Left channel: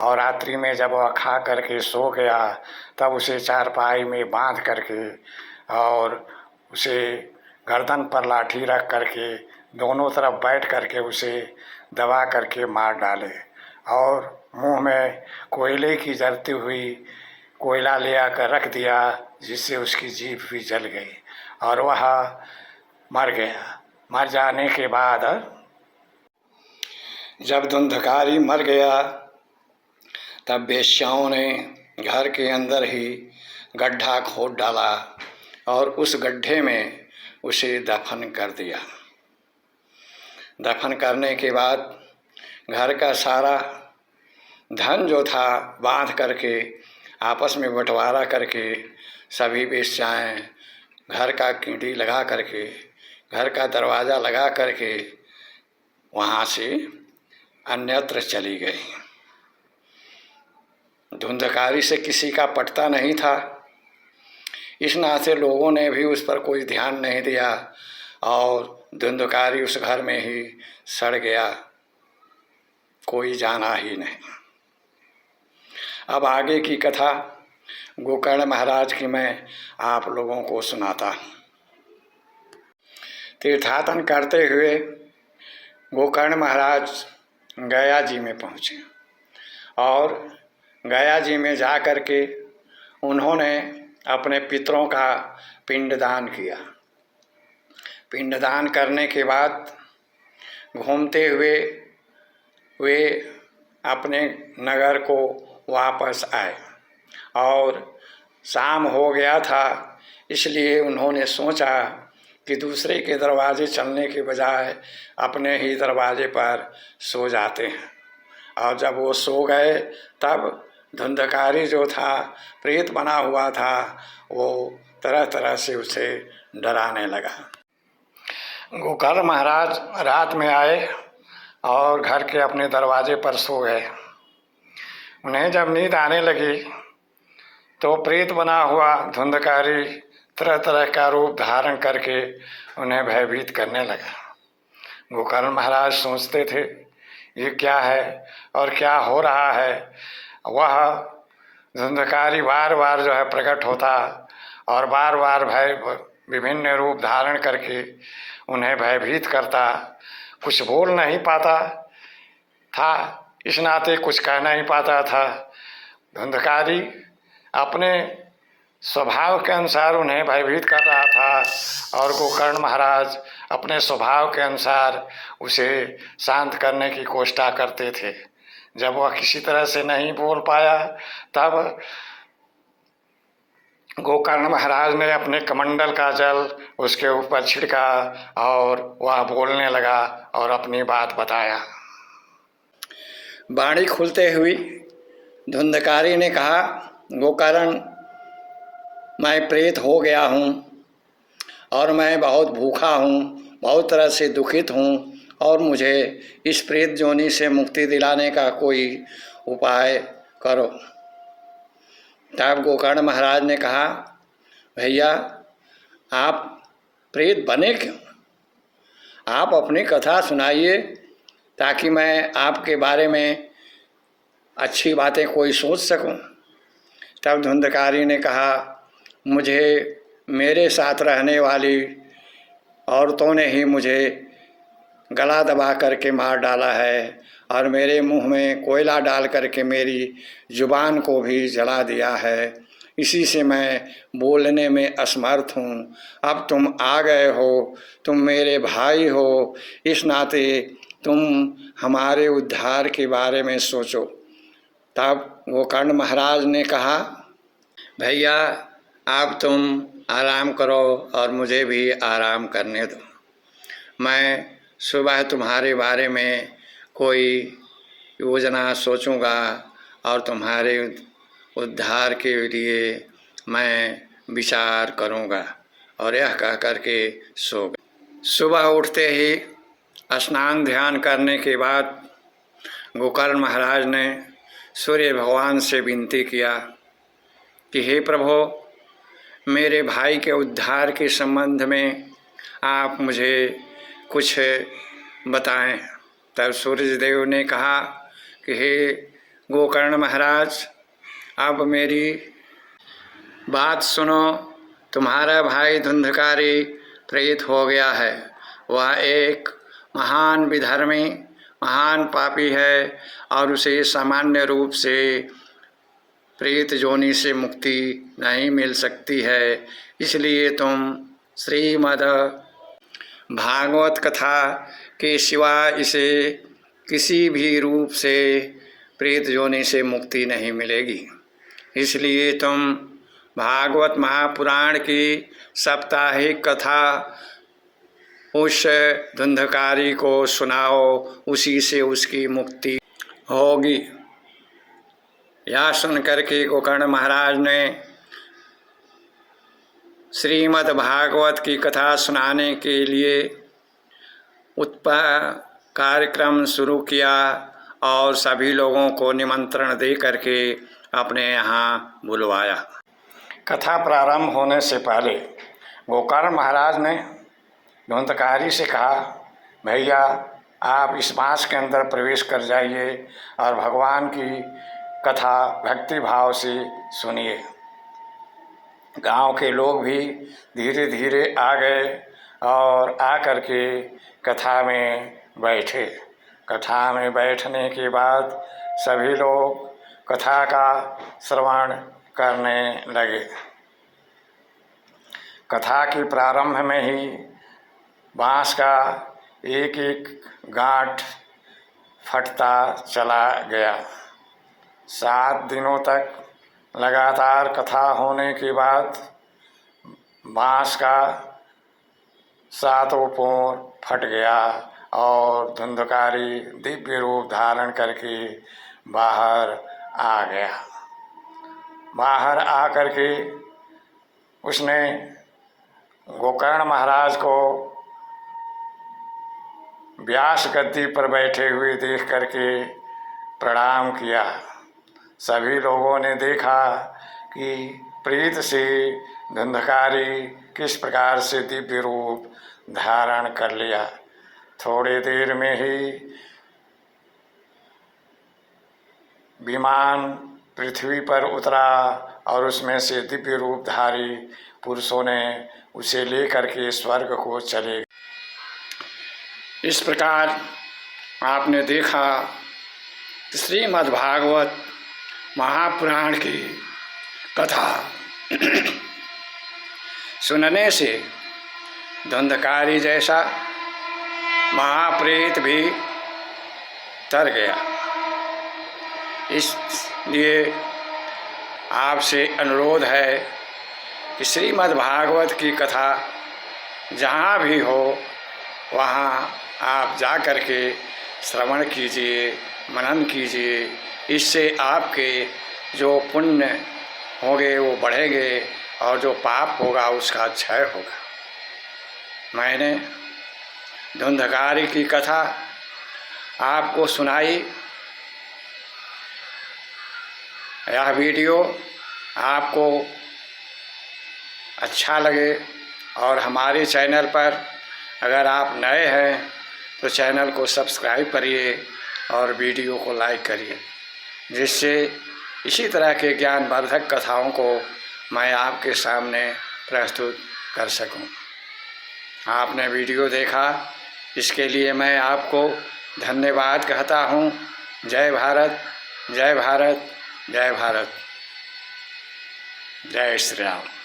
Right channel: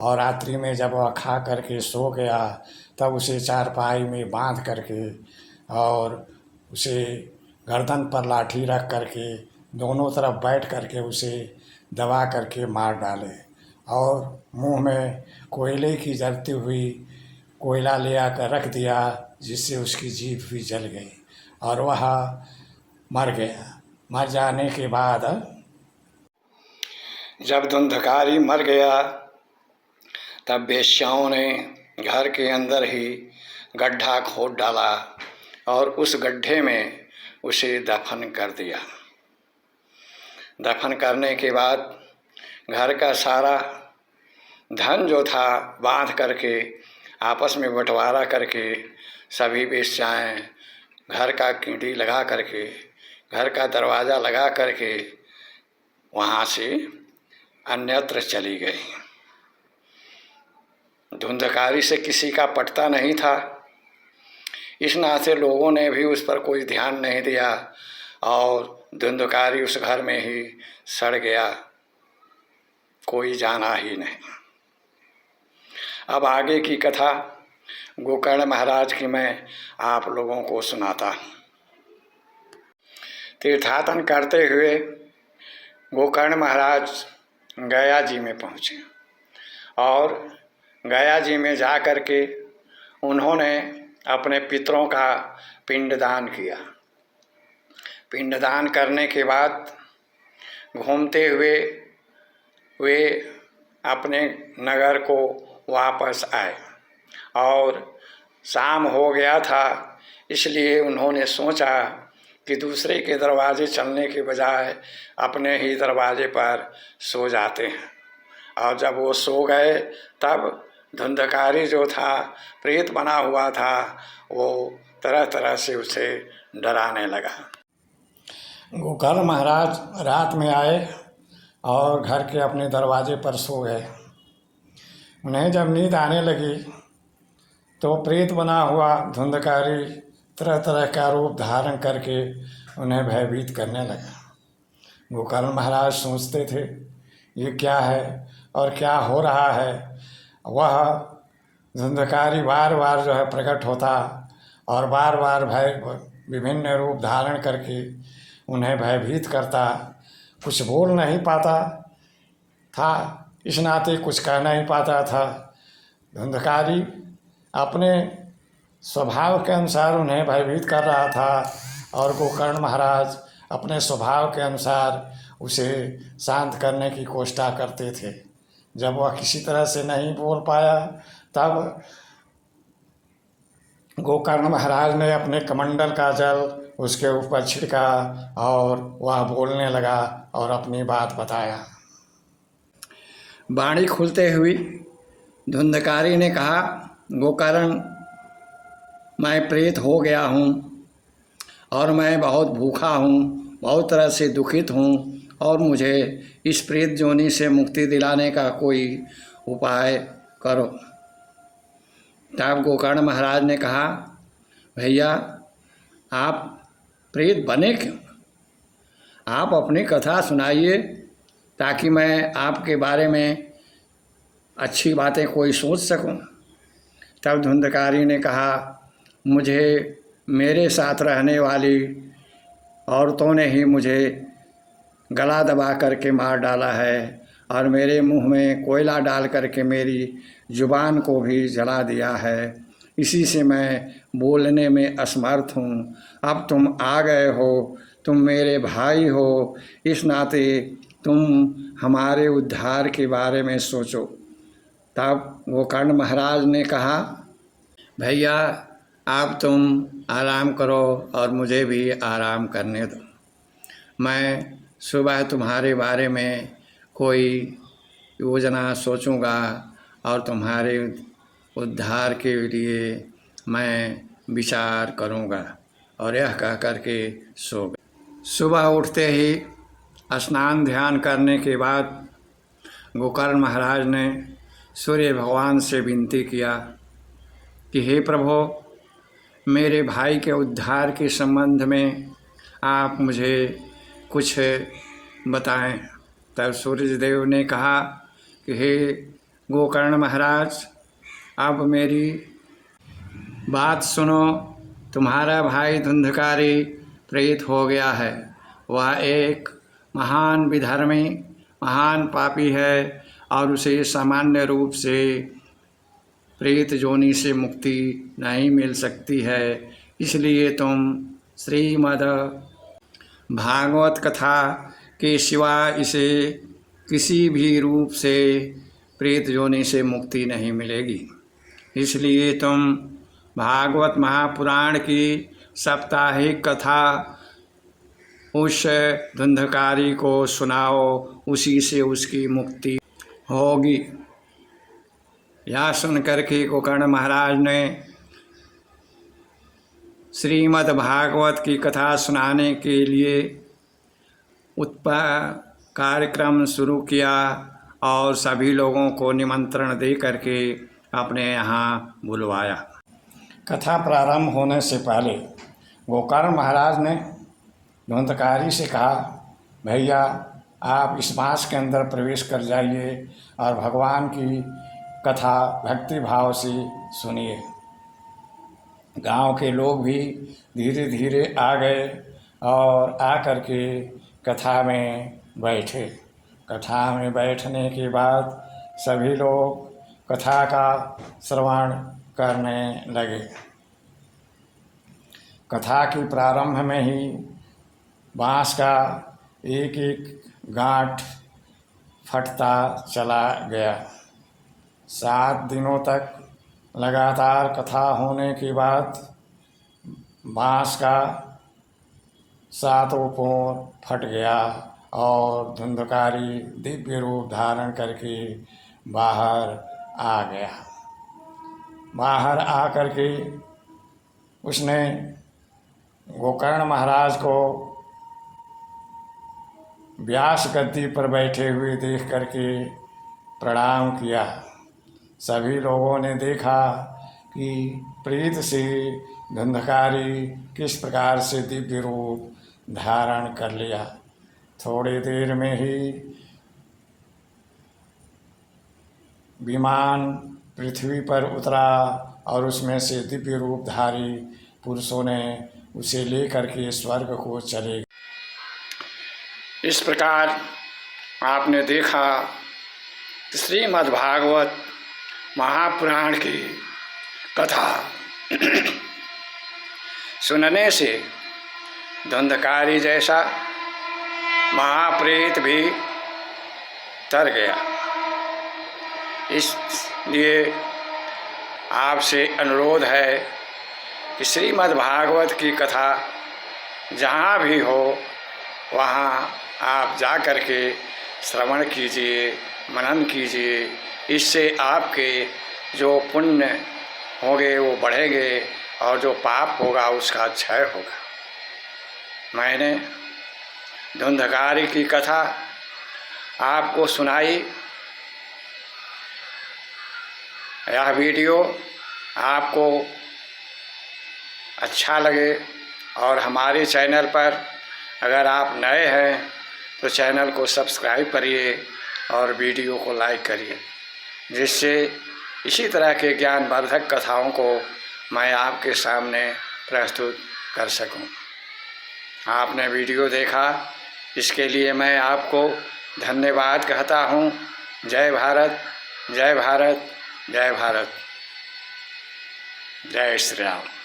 और रात्रि में जब वह खा करके सो गया तब उसे चारपाई में बांध करके और उसे गर्दन पर लाठी रख करके दोनों तरफ बैठ करके उसे दबा करके मार डाले और मुंह में कोयले की जलती हुई कोयला ले आकर रख दिया, जिससे उसकी जीभ भी जल गई और वह मर गया। मर जाने के बाद जब धुंधकारी मर गया तब वेश्याओं ने घर के अंदर ही गड्ढा खोद डाला और उस गड्ढे में उसे दफन कर दिया। दफन करने के बाद घर का सारा धन जो था बांध करके आपस में बंटवारा करके सभी वेश्याएं घर का कींडी लगा करके घर का दरवाज़ा लगा करके वहाँ से अन्यत्र चली गई। धुंधकारी से किसी का पटता नहीं था, इस नाते लोगों ने भी उस पर कोई ध्यान नहीं दिया और धुंधकारी उस घर में ही सड़ गया, कोई जाना ही नहीं। अब आगे की कथा गोकर्ण महाराज की मैं आप लोगों को सुनाता। तीर्थाटन करते हुए गोकर्ण महाराज गया जी में पहुँचे और गया जी में जा कर के उन्होंने अपने पितरों का पिंडदान किया। पिंडदान करने के बाद घूमते हुए वे अपने नगर को वापस आए और शाम हो गया था, इसलिए उन्होंने सोचा कि दूसरे के दरवाजे चलने के बजाय अपने ही दरवाजे पर सो जाते हैं। और जब वो सो गए तब धुंधकारी जो था, प्रेत बना हुआ था, वो तरह तरह से उसे डराने लगा। गोकर्ण महाराज रात में आए और घर के अपने दरवाजे पर सो गए। उन्हें जब नींद आने लगी तो प्रेत बना हुआ धुंधकारी तरह तरह का रूप धारण करके उन्हें भयभीत करने लगा। गोकर्ण महाराज सोचते थे ये क्या है और क्या हो रहा है। वह धुंधकारी बार बार जो है प्रकट होता और बार बार भय विभिन्न रूप धारण करके उन्हें भयभीत करता। कुछ बोल नहीं पाता था, इस नाते कुछ कह नहीं पाता था। धुंधकारी अपने स्वभाव के अनुसार उन्हें भयभीत कर रहा था और गोकर्ण महाराज अपने स्वभाव के अनुसार उसे शांत करने की कोशिश करते थे। जब वह किसी तरह से नहीं बोल पाया तब गोकर्ण महाराज ने अपने कमंडल का जल उसके ऊपर छिड़का और वह बोलने लगा और अपनी बात बताया। बाणी खुलते हुई धुंधकारी ने कहा, गोकर्ण, मैं प्रेत हो गया हूँ और मैं बहुत भूखा हूँ, बहुत तरह से दुखित हूँ और मुझे इस प्रेत जोनी से मुक्ति दिलाने का कोई उपाय करो। तब गोकर्ण महाराज ने कहा, भैया आप प्रेत बने क्यों? आप अपनी कथा सुनाइए ताकि मैं आपके बारे में अच्छी बातें कोई सोच सकूं। तब धुंधकारी ने कहा, मुझे मेरे साथ रहने वाली औरतों ने ही मुझे गला दबा करके मार डाला है और मेरे मुंह में कोयला डाल करके मेरी जुबान को भी जला दिया है। इसी से मैं बोलने में असमर्थ हूँ। अब तुम आ गए हो, तुम मेरे भाई हो, इस नाते तुम हमारे उद्धार के बारे में सोचो। तब गोकर्ण महाराज ने कहा, भैया अब तुम आराम करो और मुझे भी आराम करने दो। मैं सुबह तुम्हारे बारे में कोई योजना सोचूंगा और तुम्हारे उद्धार के लिए मैं विचार करूंगा। और यह कह करके सो गए। सुबह उठते ही स्नान ध्यान करने के बाद गोकर्ण महाराज ने सूर्य भगवान से विनती किया कि हे प्रभु, मेरे भाई के उद्धार के संबंध में आप मुझे कुछ बताएं। तब सूर्य देव ने कहा कि हे गोकर्ण महाराज, अब मेरी बात सुनो। तुम्हारा भाई धुंधकारी प्रेत हो गया है। वह एक महान विधर्मी, महान पापी है और उसे सामान्य रूप से प्रेत योनि से मुक्ति नहीं मिल सकती है। इसलिए तुम श्रीमद् भागवत कथा के सिवा इसे किसी भी रूप से प्रेत योनि से मुक्ति नहीं मिलेगी। इसलिए तुम भागवत महापुराण की साप्ताहिक कथा उस धुंधकारी को सुनाओ, उसी से उसकी मुक्ति होगी। यह सुनकर के गोकर्ण महाराज ने श्रीमद् भागवत की कथा सुनाने के लिए कार्यक्रम शुरू किया और सभी लोगों को निमंत्रण दे करके अपने यहाँ बुलवाया। कथा प्रारंभ होने से पहले गोकर्ण महाराज ने धुंधकारी से कहा, भैया आप इस बांस के अंदर प्रवेश कर जाइए और भगवान की कथा भक्ति भाव से सुनिए। गांव के लोग भी धीरे धीरे आ गए और आकर के कथा में बैठे। कथा में बैठने के बाद सभी लोग कथा का श्रवण करने लगे। कथा के प्रारंभ में ही बाँस का एक एक गांठ फटता चला गया। 7 दिनों तक लगातार कथा होने के बाद बाँस का 7 पूर फट गया और धुंधकारी दिव्य रूप धारण करके बाहर आ गया। बाहर आ करके उसने गोकर्ण महाराज को व्यास गद्दी पर बैठे हुए देख करके प्रणाम किया। सभी लोगों ने देखा कि प्रेत से धुंधकारी किस प्रकार से दिव्य रूप धारण कर लिया। थोड़ी देर में ही विमान पृथ्वी पर उतरा और उसमें से दिव्य रूपधारी पुरुषों ने उसे लेकर के स्वर्ग को चले गए। इस प्रकार आपने देखा कि श्रीमद् भागवत महापुराण की कथा सुनने से धुंधकारी जैसा महाप्रेत भी तर गया। इसलिए आपसे अनुरोध है कि श्रीमद् भागवत की कथा जहाँ भी हो वहाँ आप जा कर के श्रवण कीजिए, मनन कीजिए। इससे आपके जो पुण्य होंगे वो बढ़ेंगे और जो पाप होगा उसका क्षय होगा। मैंने धुंधकारी की कथा आपको सुनाई। यह वीडियो आपको अच्छा लगे और हमारे चैनल पर अगर आप नए हैं तो चैनल को सब्सक्राइब करिए और वीडियो को लाइक करिए, जिससे इसी तरह के ज्ञानवर्धक कथाओं को मैं आपके सामने प्रस्तुत कर सकूं। आपने वीडियो देखा, इसके लिए मैं आपको धन्यवाद कहता हूं। जय भारत, जय भारत, जय भारत, जय श्री राम।